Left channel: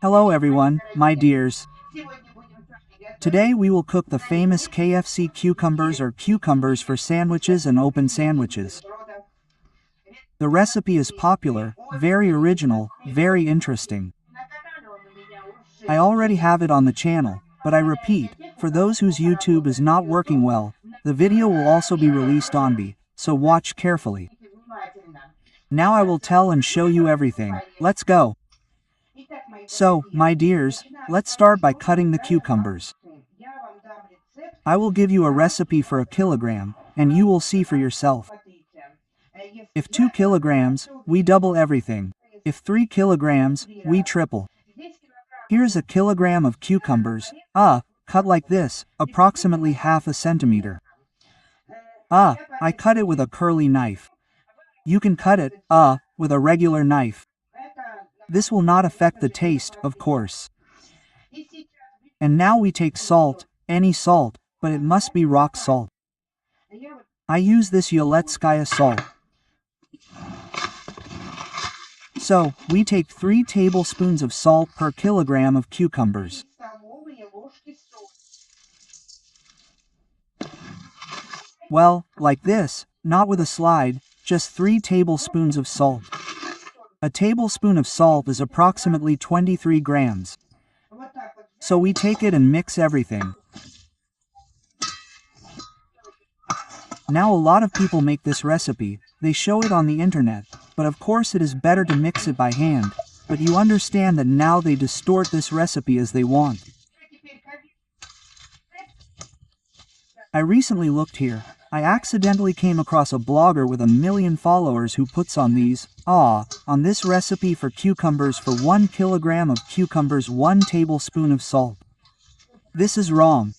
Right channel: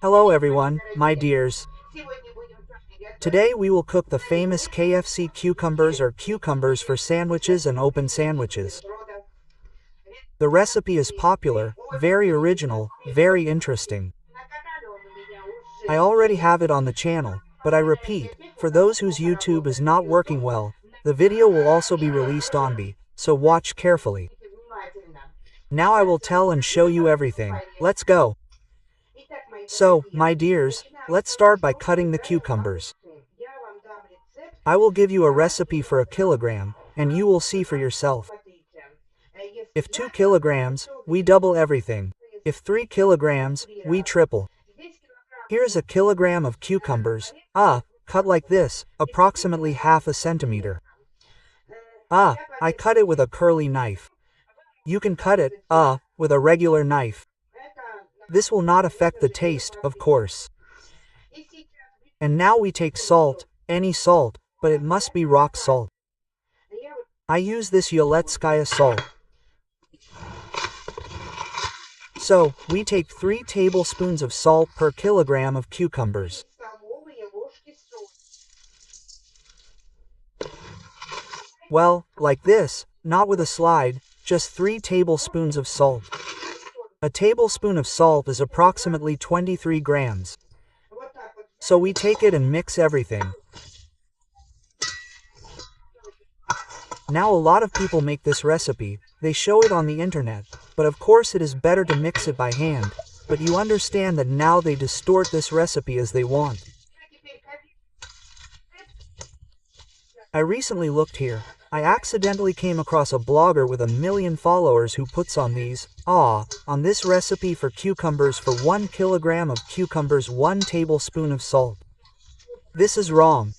Hello everyone, my dears. Today we will cook the famous KFC cucumbers or cucumbers for sandwiches and open sandwiches. The recipe is popular, very original, very interesting. I already have it on the channel, but I repeat, for those whose YouTube is not working well, the video will also be released on B, so watch carefully. Now I will tell and show you everything. Let's go. So, my dears, let's start by cutting the cucumbers. I will give you a recipe for 1 kilogram, and you will see for yourself. If 2 kilograms, we double everything. If 3 kilograms, we triple. Here's 1 kilogram of cucumbers, cut like this, approximately half a centimeter. I cut it with a curly knife. You can cut it, with a regular knife. This will not affect the taste, of course. And now we take salt, any salt, but it must be rock salt. I use this Yoletskaya salt. So, we take 3 tablespoons of salt per kilogram of cucumbers. Well, like this, not with a slide, just 3 tablespoons of salt. A tablespoon of salt is approximately 23 grams. So we take it and mix everything. Now a lot of people make this recipe, they show it on the internet, but of course it is better to mix it by hand, but you understand that now they distort this recipe as they want. I recently looked here. I accidentally came across a blogger with 1 million followers who puts on this recipe for cucumbers for 1 kilogram of cucumbers 1 tablespoon of salt. This is wrong.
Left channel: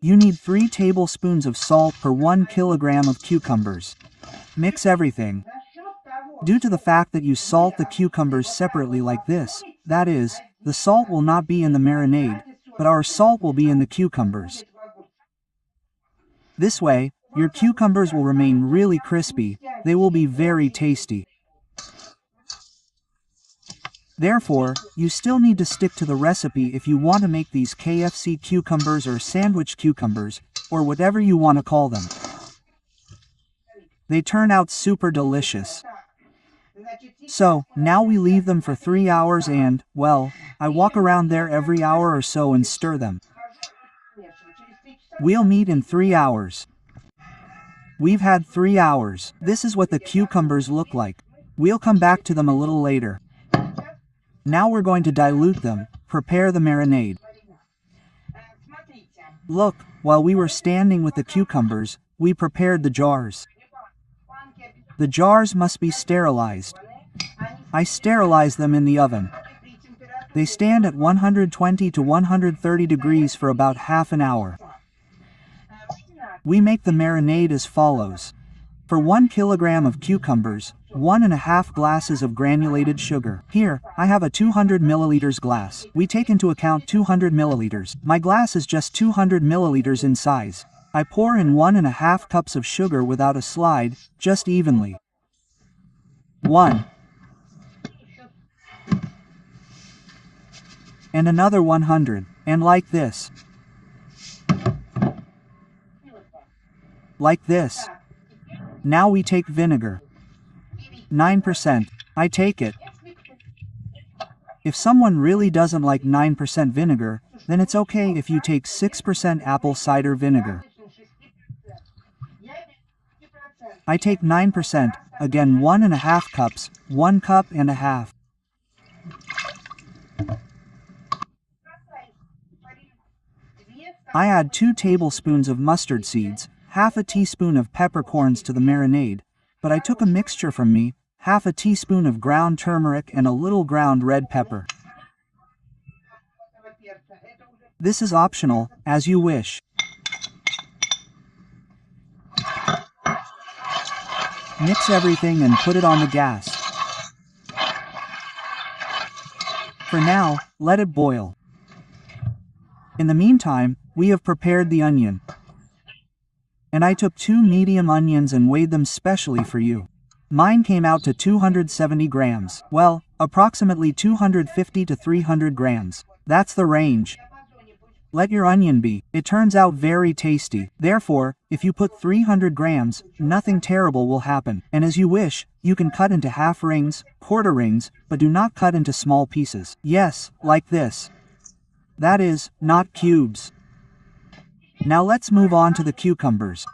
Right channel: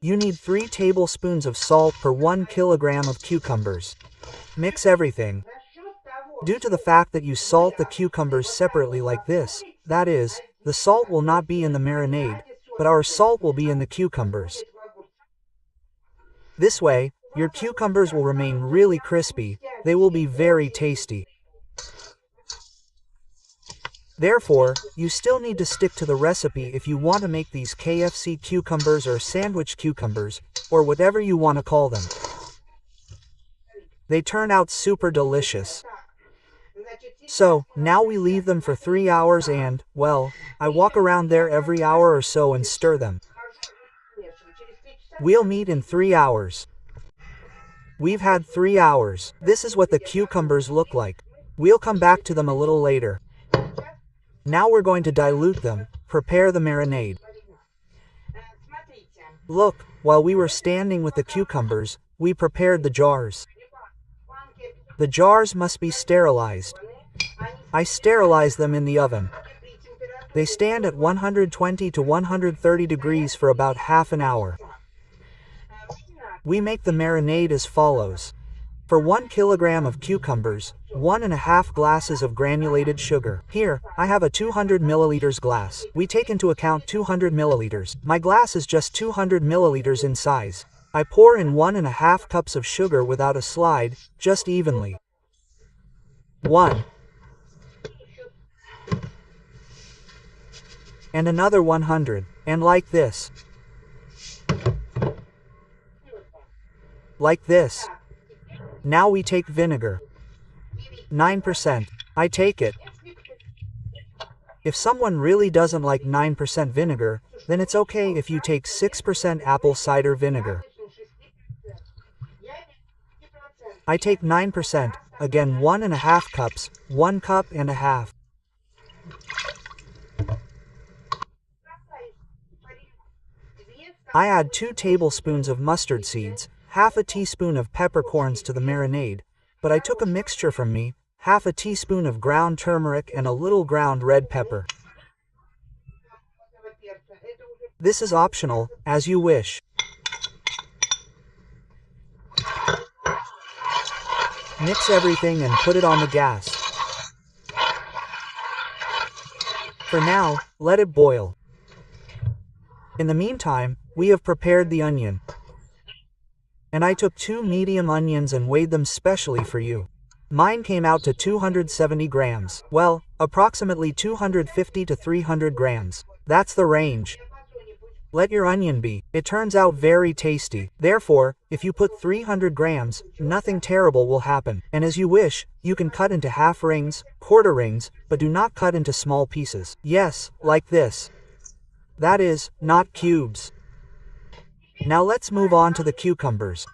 You need 3 tablespoons of salt per 1 kilogram of cucumbers. Mix everything. Due to the fact that you salt the cucumbers separately like this, that is, the salt will not be in the marinade, but our salt will be in the cucumbers. This way, your cucumbers will remain really crispy, they will be very tasty. Therefore, you still need to stick to the recipe if you want to make these KFC cucumbers or sandwich cucumbers, or whatever you want to call them. They turn out super delicious. So, now we leave them for 3 hours and, well, I walk around there every hour or so and stir them. We'll meet in 3 hours. We've had 3 hours. This is what the cucumbers look like. We'll come back to them a little later. Now we're going to dilute them, prepare the marinade. Look, while we were standing with the cucumbers, we prepared the jars. The jars must be sterilized. I sterilize them in the oven. They stand at 120 to 130 degrees for about half an hour. We make the marinade as follows. For 1 kilogram of cucumbers, 1.5 glasses of granulated sugar. Here, I have a 200 milliliters glass. We take into account 200 milliliters. My glass is just 200 milliliters in size. I pour in 1.5 cups of sugar without a slide, just evenly. 1. And another 100, and like this. Like this. Now we take vinegar. 9%. I take it. If someone really doesn't like 9% vinegar, then it's okay if you take 6% apple cider vinegar. I take 9%, again 1.5 cups, 1 cup and a half. I add 2 tablespoons of mustard seeds, half a teaspoon of peppercorns to the marinade, but I took a mixture from me, half a teaspoon of ground turmeric and a little ground red pepper. This is optional, as you wish. Mix everything and put it on the gas. For now, let it boil. In the meantime, we have prepared the onion. And I took 2 medium onions and weighed them specially for you. Mine came out to 270 grams. Well, approximately 250 to 300 grams. That's the range. Let your onion be. It turns out very tasty. Therefore, if you put 300 grams, nothing terrible will happen. And as you wish, you can cut into half rings, quarter rings, but do not cut into small pieces. Yes, like this. That is, not cubes. Now let's move on to the cucumbers.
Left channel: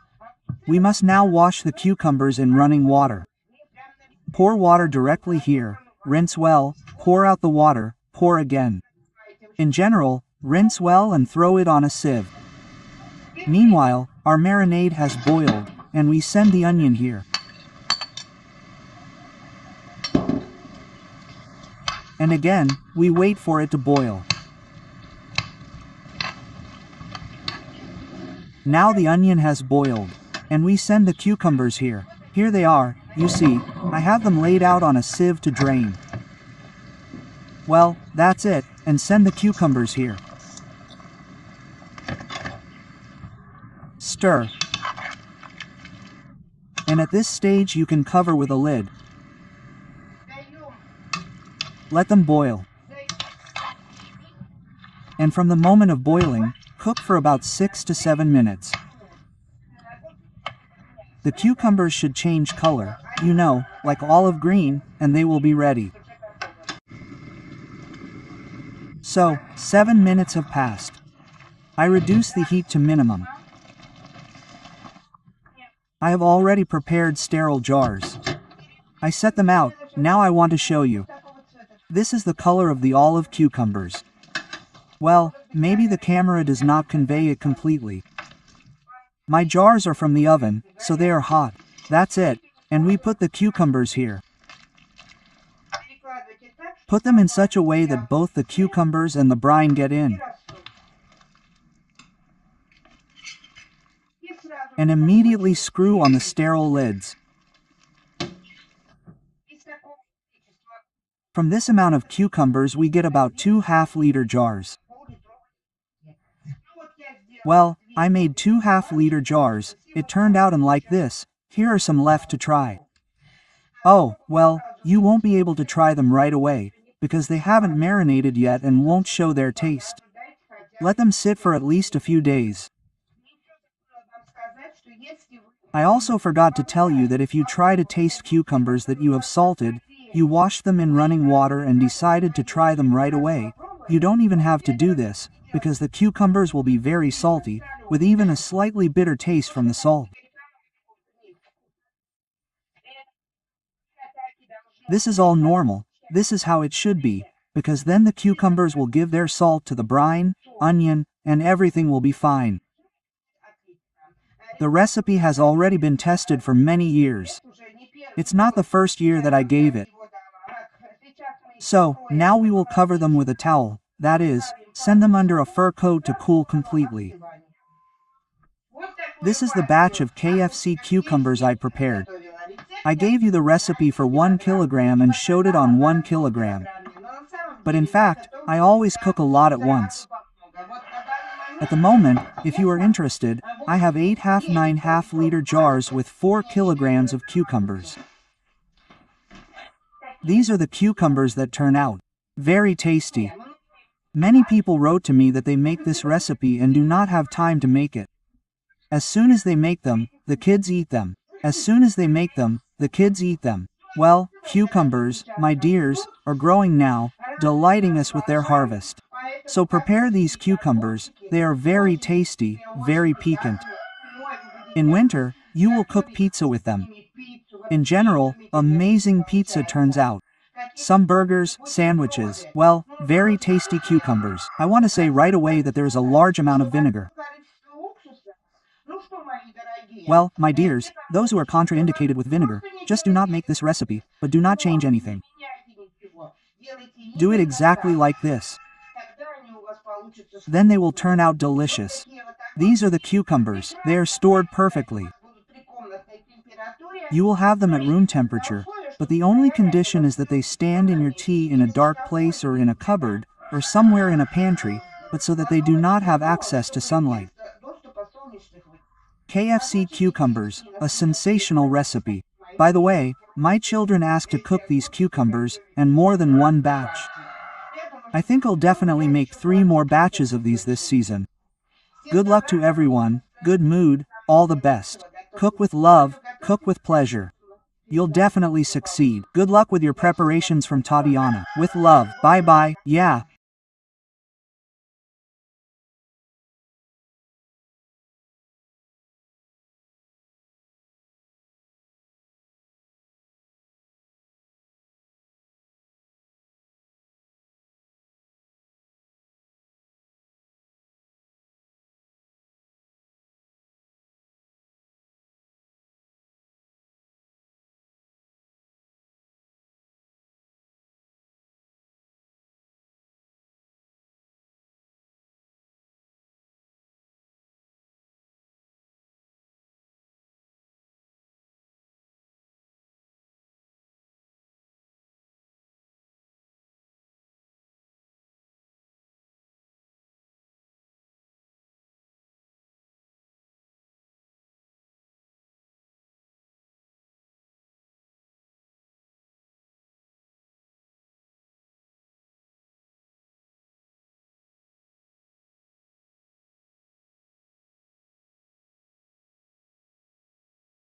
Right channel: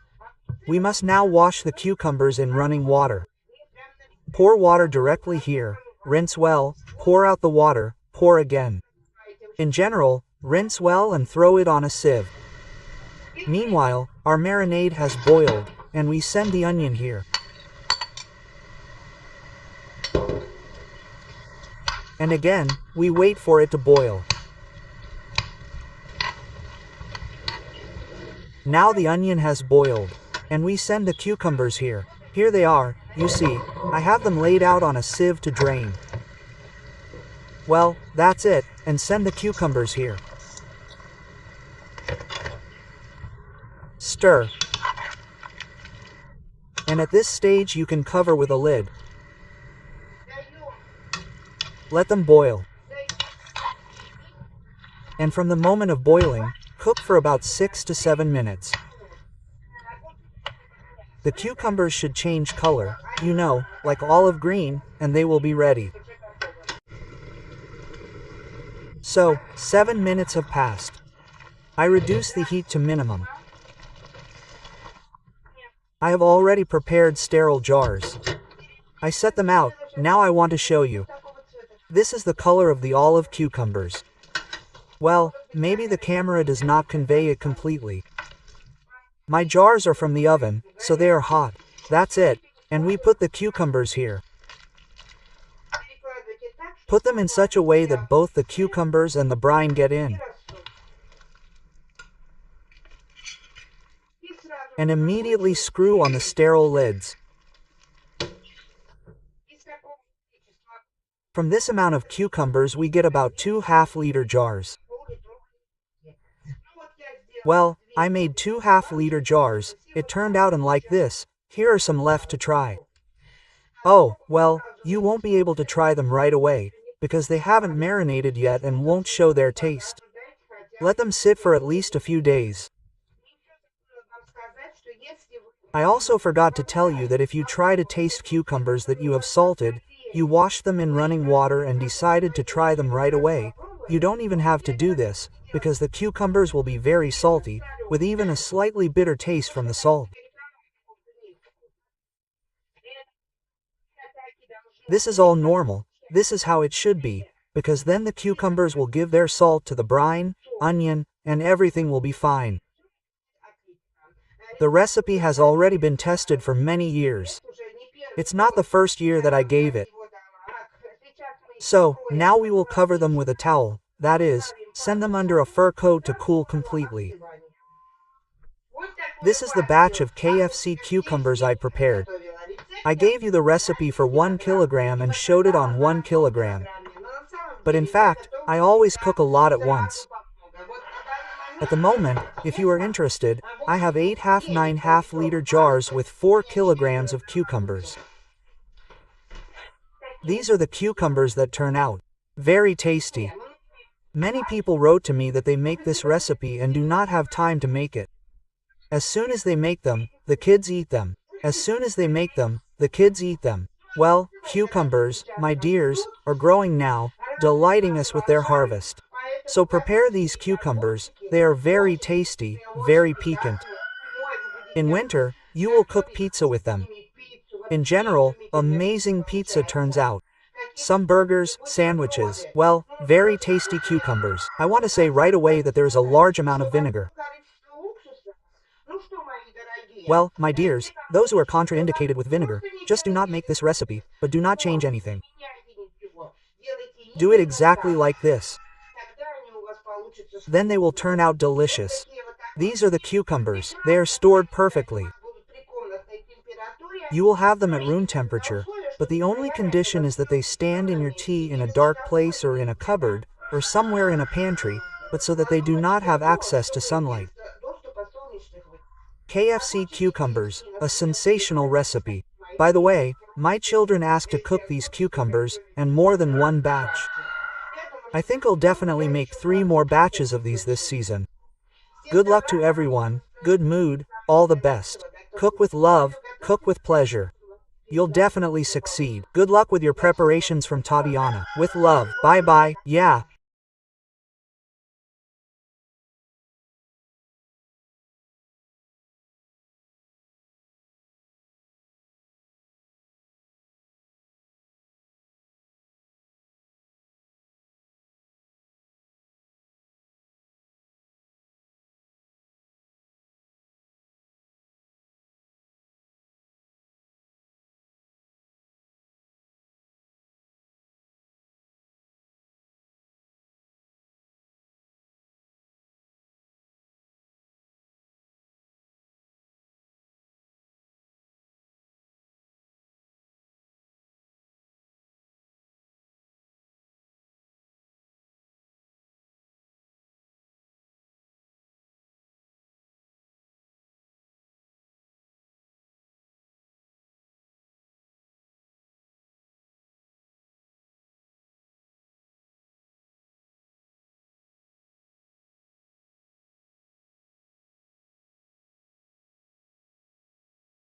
We must now wash the cucumbers in running water. Pour water directly here, rinse well, pour out the water, pour again. In general, rinse well and throw it on a sieve. Meanwhile, our marinade has boiled, and we send the onion here. And again, we wait for it to boil. Now the onion has boiled, and we send the cucumbers here. Here they are, you see, I have them laid out on a sieve to drain. Well, that's it, and send the cucumbers here. Stir. And at this stage you can cover with a lid. Let them boil. And from the moment of boiling, cook for about 6 to 7 minutes. The cucumbers should change color, you know, like olive green, and they will be ready. So, 7 minutes have passed. I reduce the heat to minimum. I have already prepared sterile jars. I set them out, now I want to show you. This is the color of the olive cucumbers. Well, maybe the camera does not convey it completely. My jars are from the oven, so they are hot. That's it, and we put the cucumbers here. Put them in such a way that both the cucumbers and the brine get in. And immediately screw on the sterile lids. From this amount of cucumbers we get about 2 half-liter jars. Well, I made 2 half-liter jars, it turned out like this. Here are some left to try. Oh, well, you won't be able to try them right away, because they haven't marinated yet and won't show their taste. Let them sit for at least a few days. I also forgot to tell you that if you try to taste cucumbers that you have salted, you wash them in running water and decided to try them right away, you don't even have to do this, because the cucumbers will be very salty, with even a slightly bitter taste from the salt. This is all normal, this is how it should be, because then the cucumbers will give their salt to the brine, onion, and everything will be fine. The recipe has already been tested for many years. It's not the first year that I gave it. So, now we will cover them with a towel, that is, send them under a fur coat to cool completely. This is the batch of KFC cucumbers I prepared. I gave you the recipe for 1 kilogram and showed it on 1 kilogram. But in fact, I always cook a lot at once. At the moment, if you are interested, I have 8 9 half-liter jars with 4 kilograms of cucumbers. These are the cucumbers that turn out. Very tasty. Many people wrote to me that they make this recipe and do not have time to make it. As soon as they make them, the kids eat them. As soon as they make them, the kids eat them. Well, cucumbers, my dears, are growing now, delighting us with their harvest. So prepare these cucumbers, they are very tasty, very piquant. In winter, you will cook pizza with them. In general, amazing pizza turns out. Some burgers, sandwiches, well, very tasty cucumbers. I want to say right away that there is a large amount of vinegar. Well, my dears, those who are contraindicated with vinegar, just do not make this recipe, but do not change anything. Do it exactly like this. Then they will turn out delicious. These are the cucumbers, they are stored perfectly. You will have them at room temperature, but the only condition is that they stand in your tea in a dark place or in a cupboard, or somewhere in a pantry, but so that they do not have access to sunlight. KFC cucumbers, a sensational recipe. By the way, My children asked to cook these cucumbers, and more than one batch. I think I'll definitely make 3 more batches of these this season. Good luck to everyone, good mood, all the best. Cook with love, cook with pleasure. You'll definitely succeed. Good luck with your preparations from Tatiana. With love. Bye bye. Yeah,